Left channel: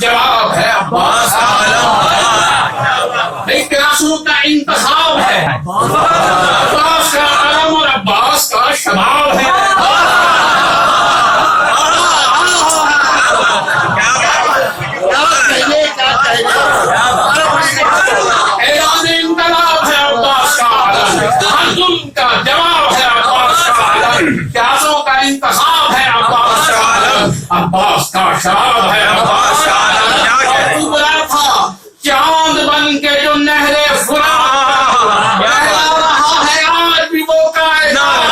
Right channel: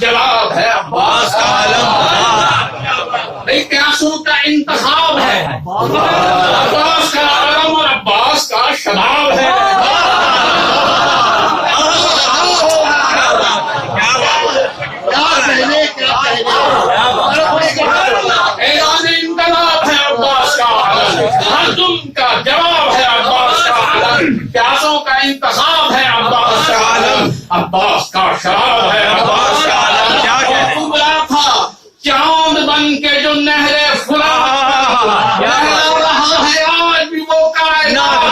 جواب ہے عباس کا علم، پیاسوں کا انتخاب ہے عباس کا علم اور عباس کا شباب ہے۔ اعلان انقلاب ہے عباس کا علم، ہر ظلم کا جواب ہے عباس کا علم، پیاسوں کا انتخاب ہے عباس کا علم، عباس کا شباب ہے عباس کا علم۔ چاند بن کے جو نہر فرات بہہ رہا ہے آج بھی وہ کائنات،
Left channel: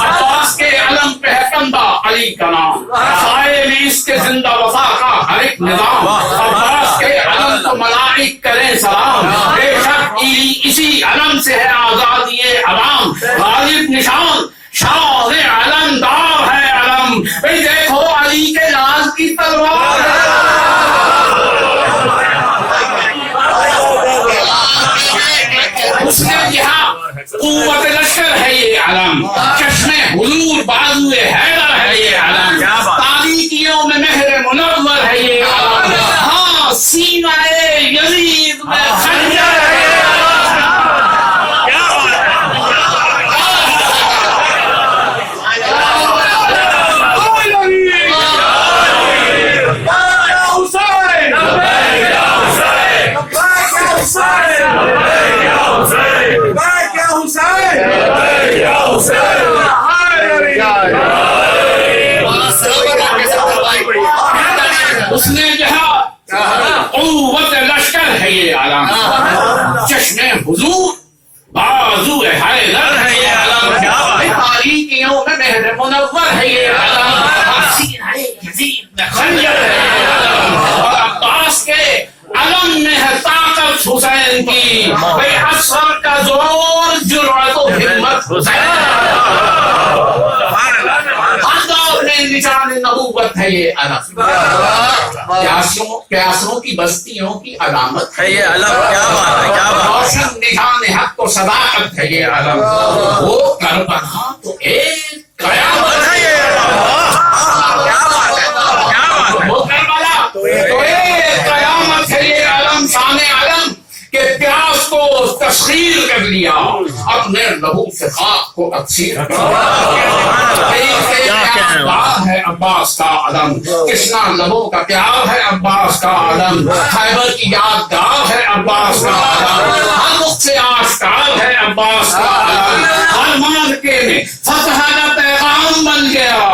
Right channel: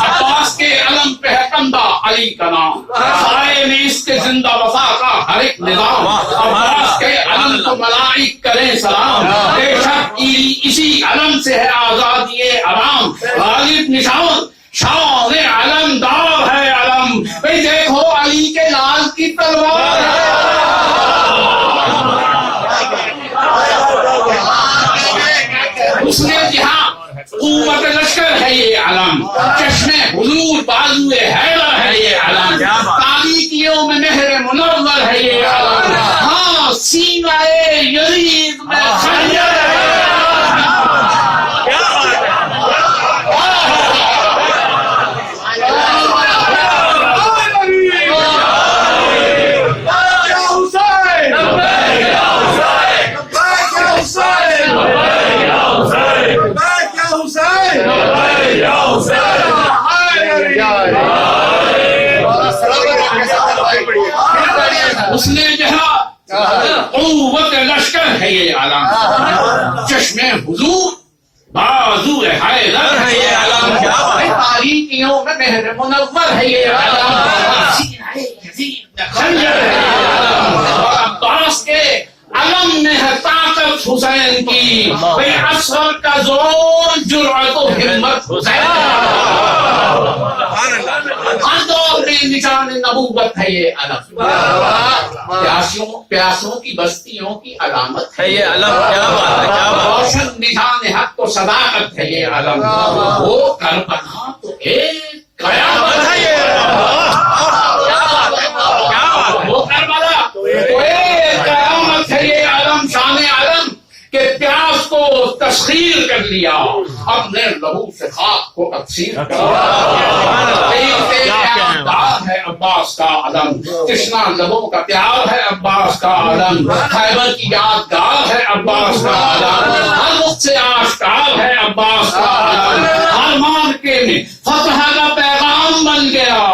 عباس کے علم پہ ہے کندہ علی کا نام، سائے میں اس کے زندہ وفا کا ہر ایک نظام، عباس کے علم کو ملائک کریں سلام، بے شک اسی علم سے ہے آزادی عوام، غالب نشان شان علم دار ہے علم، دیکھو علی کے لال کی تلوار ہے۔ اس نے جہاں قوت لشکر ہے یہ علم، چشم حضور بازو حیدر ہے یہ علم، تاریکیوں میں مہر منور ہے یہ علم، ہاں سینہ یزید میں خنجر اس نے کہا قوت لشکر ہے یہ علم، چشم حضور بازو حیدر ہے یہ علم، تاریکیوں میں مہر منور ہے یہ علم، سینہ یزید میں خنجر ہے یہ علم، عباس کے علم میں ہے طاقت حسین کی، بھئی عصر کا زور جرأت و ہمت حسین، ہر دور میں نشان نبوت ہے یہ علم، پیاسوں کی بستیوں کی علامت ہے یہ علم، روشن نشان حق و صداقت ہے یہ علم، وہ کربلا تو ایک قیامت ہے یہ علم، وہ کربلا تو ایک قیامت ہے یہ علم، شان علم کہ پیاس کو تسخیر کر لیا، اپنے لہو سے خاک کو تقسیر کر لیا، ہے عباس کا علم، کشنا لبوں کا پیار ہے عباس کا علم، خیبر کی یادگار ہے عباس کا علم، ہر وقت سے آشکار ہے عباس کا علم، ہر مارکے میں فتح کا پیغام بن گیا،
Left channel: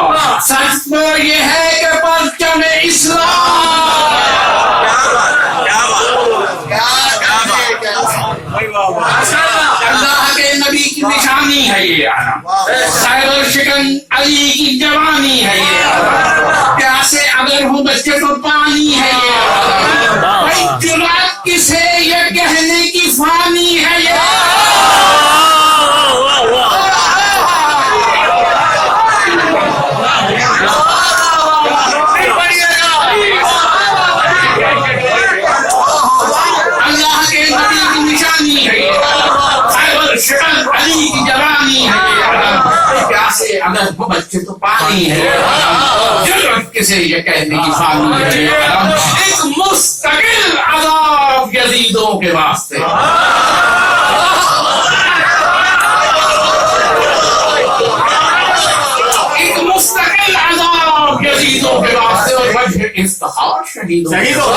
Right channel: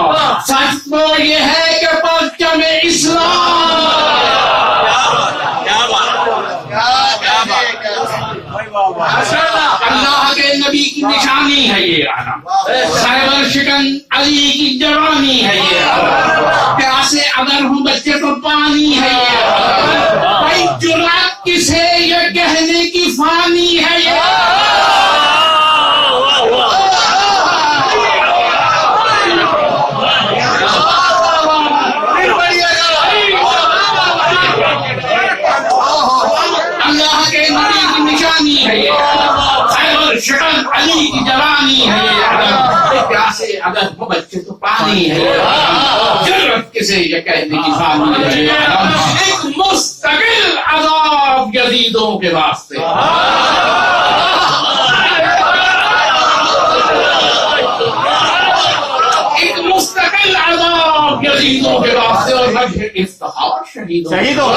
سچ میں یہ ہے کہ پرچم اسلام، اللہ کے نبی کی نشانی ہے یہ علم، خیبر شکن علی کی جوانی ہے یہ علم، پیاسے اگر ہو بچے تو پانی ہے یہ علم، بھائی جرأت کسے یہ کہنے کی فانی ہے یہ اللہ کے نبی کی نشانی ہے یہ خیبر شکن علی کی جوانی ہے یہ علم، پیاسے اگر ہو بچے تو پانی ہے یہ علم، جرأت کسے یہ کہنے کی فانی ہے یہ علم، ایک مستقل عذاب یزیدوں کے واسطے، ایک مستقل عذاب یزیدوں کے واسطے، اور وجہ افتخار شہیدوں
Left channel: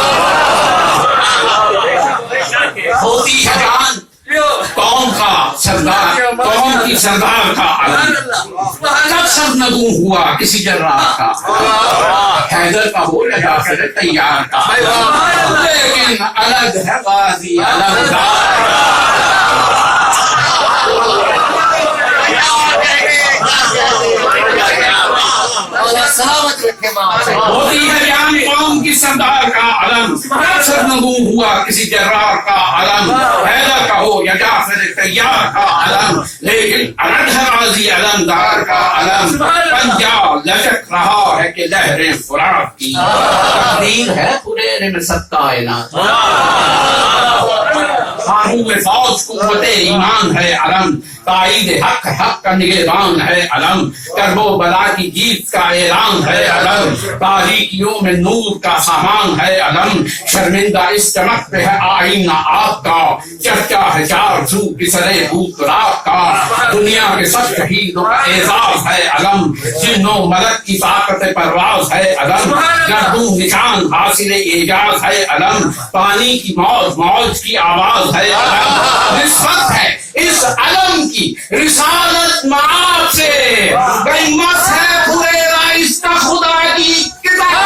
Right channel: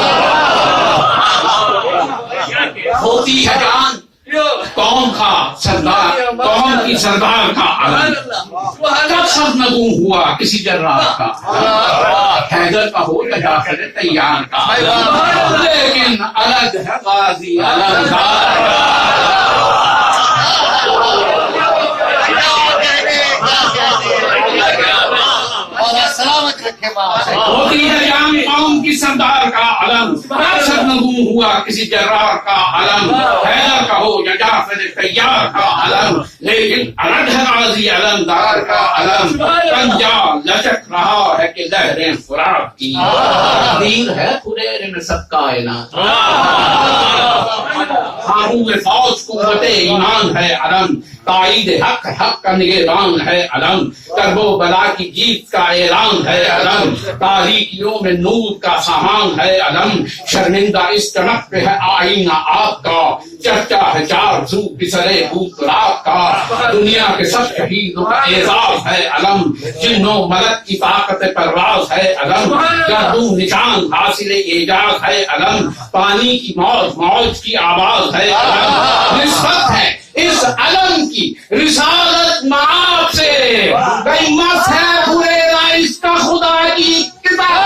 ہوتی ہے جان قوم کا سردار، قوم کی سردار کا علم، کب سر نگوں ہوا کسی جرار کا، حیدر کا ہو یا جعفر تیار کا، لیکن الگ ہے غازی علمدار، ہوتی ہے جان قوم کی سردار کا علم، سر نگوں ہوا کسی جرار کا علم، حیدر کا ہو یا جعفر تیار کا علم، لیکن الگ ہے غازی علمدار کا علم، پنجاب لچک رہا ہے کہ لہریں فرات کی، تقدیر ہے پورے میں سب کائنات، آہو فوج قوت ایمان ہے علم، تائید حق کا نگران ہے علم، کرب و بلا کی جیت کا اعلان ہے علم، تاریکیوں میں نور کا سامان ہے علم، شرمندہ اس چمک پہ ہے آئینہ آپ کا، چرچا ہے چار سو کسرے بھوت رات کا، دنیا کے سب شہیدوں کا اعزاز ہے علم، جنوں ملک کی طاقت پرواز ہے علم، گردوں نشان حاصل اعجاز ہے علم، پانی کی موج کی آواز ہے علم، نسبت ہے اس علم کی رسالت معاد سے، قیمت ہے پورے رائس کا خدا کی کتاب۔